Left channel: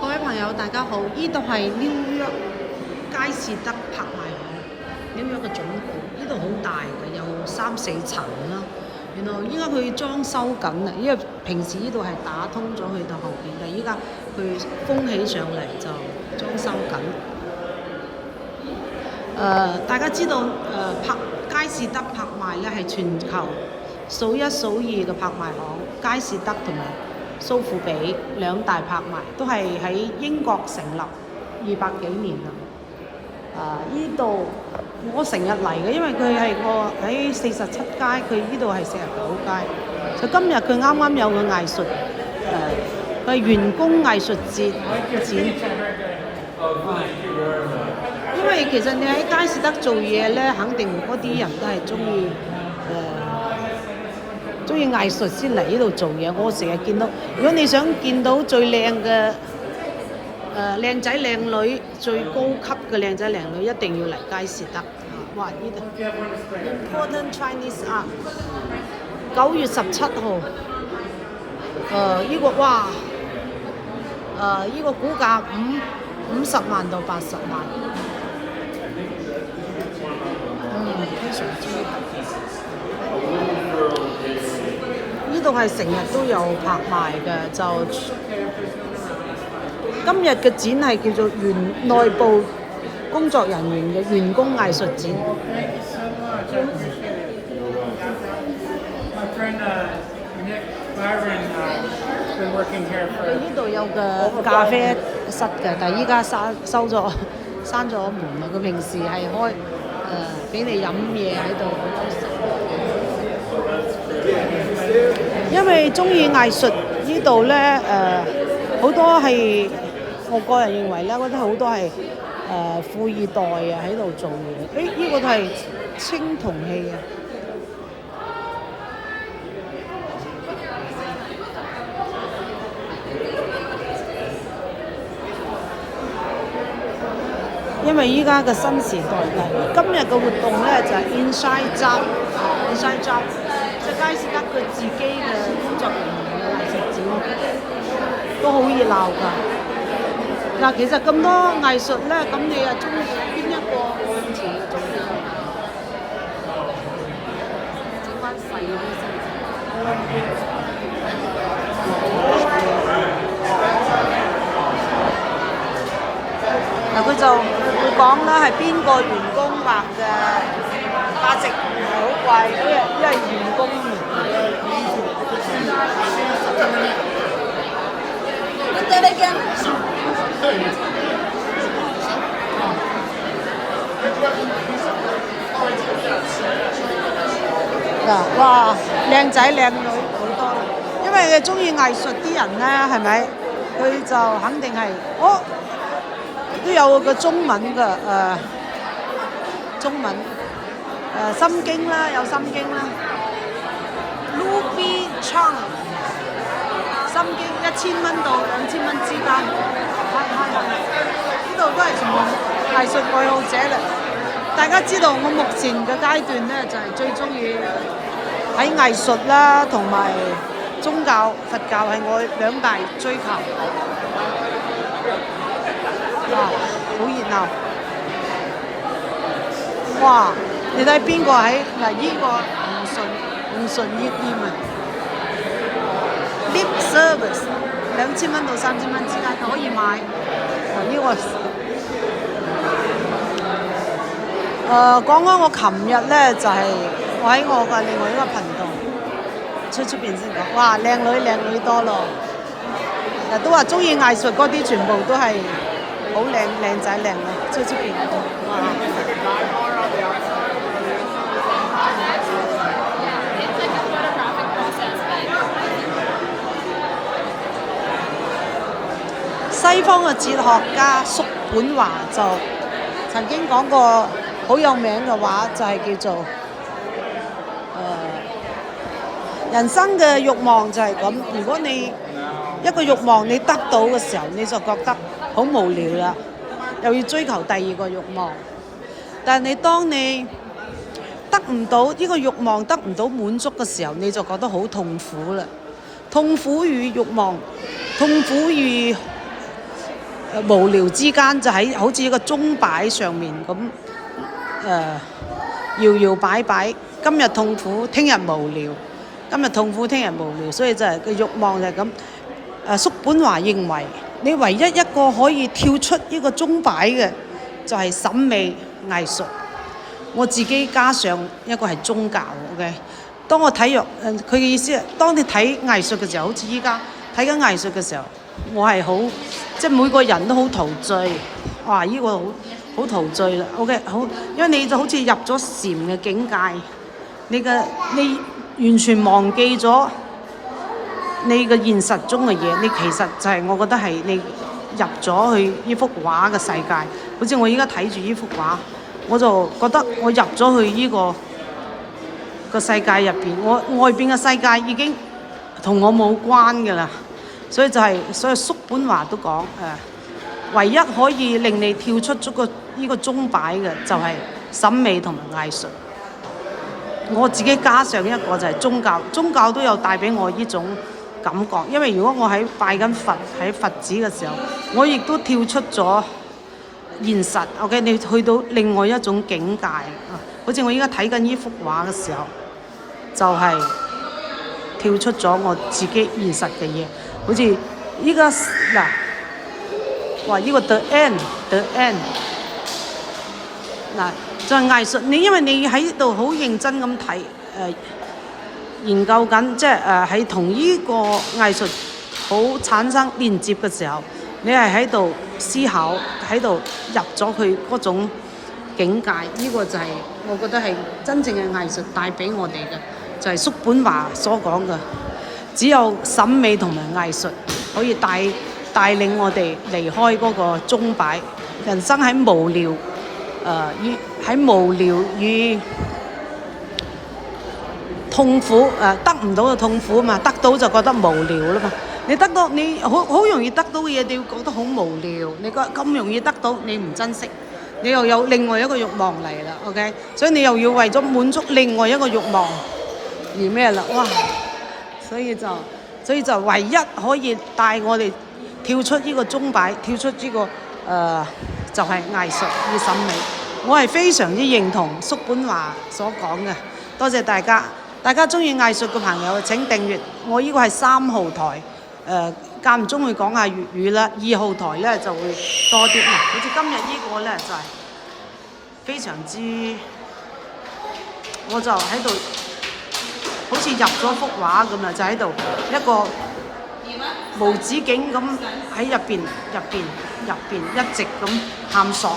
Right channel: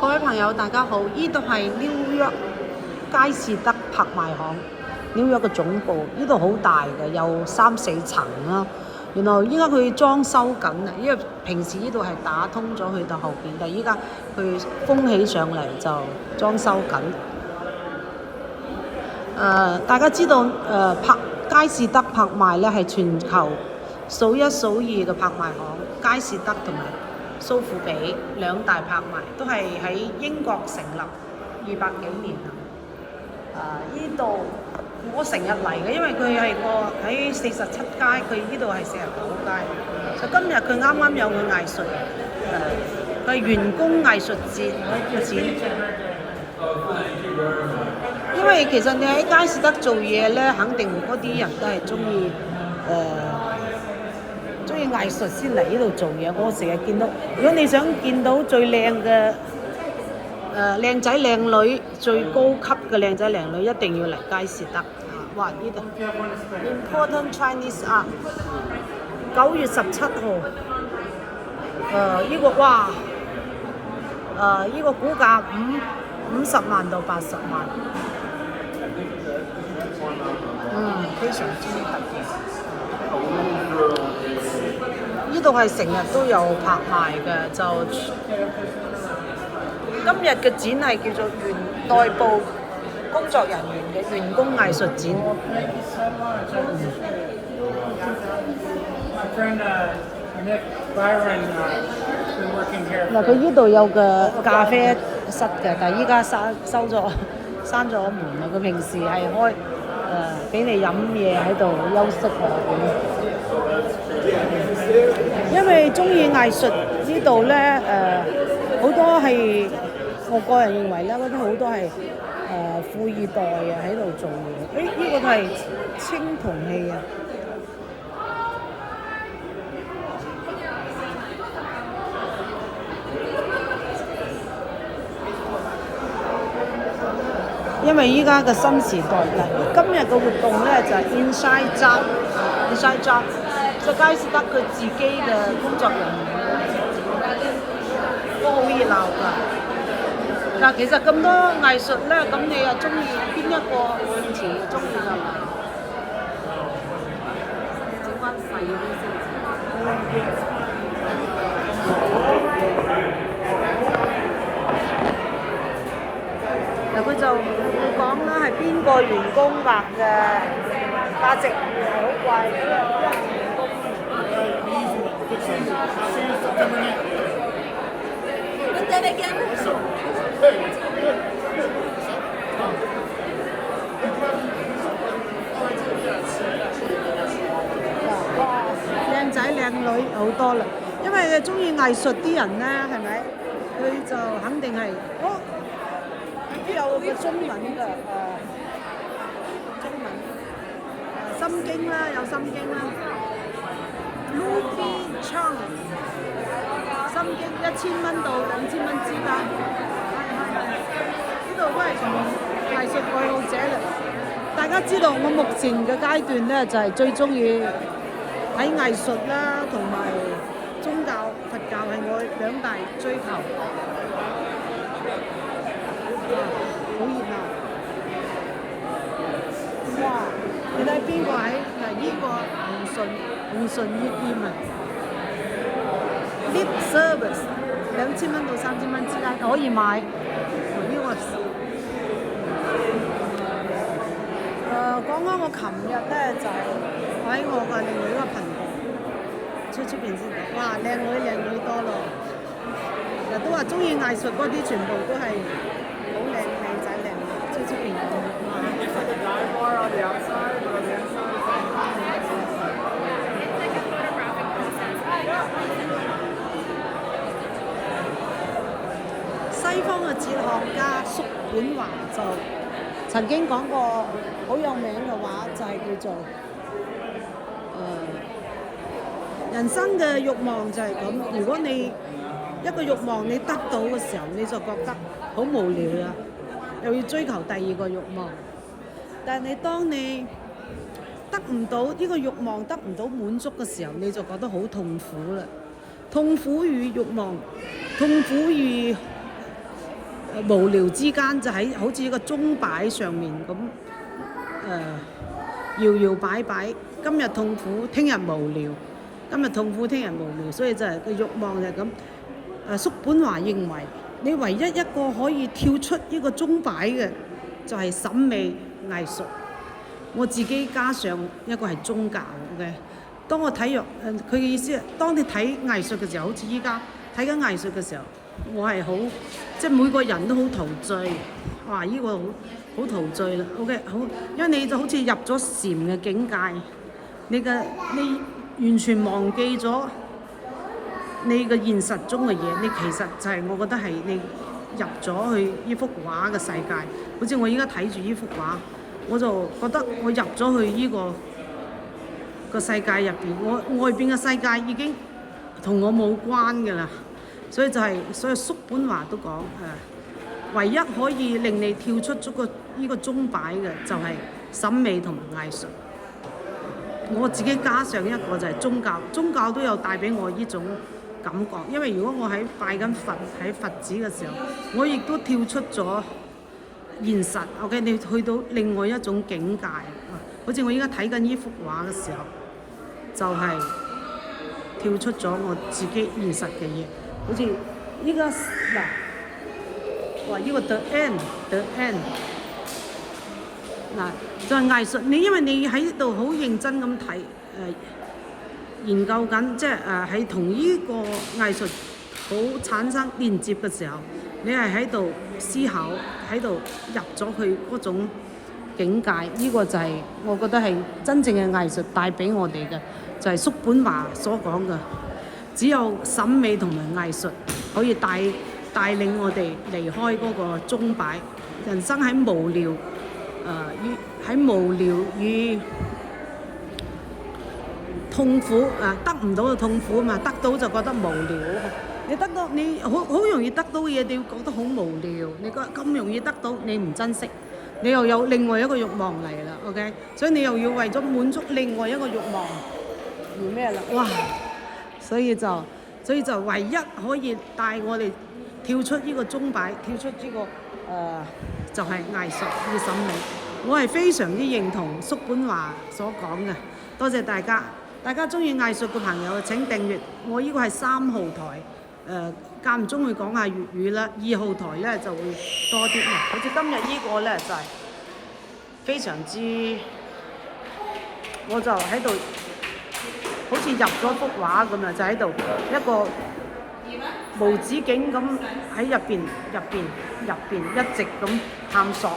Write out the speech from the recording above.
各位朋友，大家好！呢度係紐約佳士得拍賣行，紐約嘅總部。呢度好大嘅，有3、4層啦。原來依家佢裝修緊啊，因為平時呢度係打通咗去到後邊，但係依家佢封起上嚟就裝修緊。大家知道佳士得拍賣咧係全球數一數二嘅拍賣行，佳士得同埋蘇富比兩大拍賣都係喺英國成立200幾年啦。呢度我成日嚟嘅，因為佢係個喺47街，佢呢度係49街。就今日佢啱啱有個藝術佢係員工藝術節展。因為其實你喺佳士得做嘢咧，肯定嗰啲人都係中意藝術先嚟呢度做嘢。我成日見到，如果你想見到最靚嘅靚仔靚女，最高級嘅靚仔靚女，一定要嚟佳士得。哇！呢度 Important Chinese Art 9月17號。呢個哇！呢個估價50萬到80萬。非常之特別。呢度係成日都有拍賣嘅，就今日嘅展係叫做內部工作人員嘅員工藝術展。佢呢度有個咖啡室嘅，但係依家閂咗門啦。佢平時係開俾你飲嘢喺度休息。因為中意藝術呢度咧，好多係我個人認為咧，嗰啲好多係富二代啊喺度做嘢。呢個係青銅器啊！因為依家嘅新時代嚟，今日嘅活動咧就係 Inside Job，即係佳士得佢自己嘅工作人員嘅藝術展，都好熱鬧㗎。嗱，其實咁多藝術咧，咁你又中意邊一個？我以前就中意係嘛？整翻細啲先。嗱，佢就會講啦，係邊個員工畫嘅價值係好貴，因為員工哇，靚仔靚女好多啦，因為佢中意藝術啲人咧，係咪？佢就肯定係都有個中文嘅中文心經啦，有心經啦。Ruby Chang 心經1000蚊到2000蚊之間，呢度都係全部藝術愛好者啦。大家知道我目前嘅階段咧，就係最中意喺藝術啦，同埋宗教佛教係我2大追求。哇，好熱鬧！哇，你睇邊個喺嗱？呢個紅順葉店啊 ，Lip Service 2000蚊到3000蚊之間可以買。呢個講開我琴日咧就係我喺我嘅另外一個頻道出邊先講，哇，靚女多咯！人都話中意藝術嗰啲全部都係好靚仔靚女，出邊哇！西方嘅哲學家叔本華就曾經講過好有名嘅話，就係叫做人生嘅慾望就係咁。如果你一個慾望你得到嘅時候，你就覺得好無聊啦，又要追求第二個慾望。但係當你得唔到呢個慾望得唔到滿足嘅時候，你就覺得好痛苦啦。痛苦與慾望，痛苦與無聊之間就喺好似一個鐘擺上面咁搖搖擺擺，今日痛苦，聽日無聊，今日痛苦，聽日無聊，所以就係個慾望就係咁。叔本華認為，你唯一一個可以跳出呢個鐘擺嘅，就係審美藝術。我自己加上一個係宗教 ，OK。當我睇佢嘅意思係，當你睇藝術嘅時候，好似依家睇緊藝術嘅時候，我係好即係每個人都好陶醉。哇！呢個好陶醉啦 ，OK， 好，因為你就好似入咗禪嘅境界，你完全忘記咗你嘅現實中嘅嘢，你其實就係我覺得係你入咗去呢幅畫嘅世界。好似我依家睇住呢幅畫，我就覺得我入咗去呢個世界入邊，我外邊嘅世界已經同我冇關㗎啦。所以叔本華都講唯一可以令你跳出咗呢個鐘擺嘅，就係審美同埋藝術。我自己加上一個就係宗教，宗教都有帶俾我呢種感覺。因為如果我喺拜緊佛喺佛寺嘅時候，我亦都跳出咗現實。OK， 你去到另外一種境界好似我依家睇緊呢幅畫嘅時候，就係跳出咗我自己現實嘅嘢。好似依家嗱，哇！呢個 the end 嗱，就係藝術。因為你喺度好認真咁睇研究緊，即係喺同呢個藝術好產生連接嘅時候，你係喺度思考，喺度入咗佢嗰種境界。呢個就係我覺得係真正嘅藝術帶俾我哋嘅，就係叔本華所講嘅，只有審美同埋藝術可以帶領我哋離開嗰個鐘擺。人生喺無聊與痛苦得唔到嘅痛苦嘛，得到就覺得無聊啦嘛。你得到你好容易得到嘅嘢，你會覺得好無聊。你覺得咁容易得到，你唔珍惜，你又有另外一個慾望嚟啦。OK， 所以你又要為咗滿足另外一個慾望而咩啦？哇！所以就唯一可以帶我哋跳出呢個鐘擺，跳出呢個就係藝術與審美。我係非常之認同叔本華所講嘅。多謝大家，大家中意藝術嘅朋友請訂閱我。呢個係3號台，間唔中會講下粵語啦。2號台咧就會多啲。好似今日呢個咧就係非常之，我就喺度好似入咗幅畫咁啊，就喺度一個無止境咁喺入邊一直咁探索。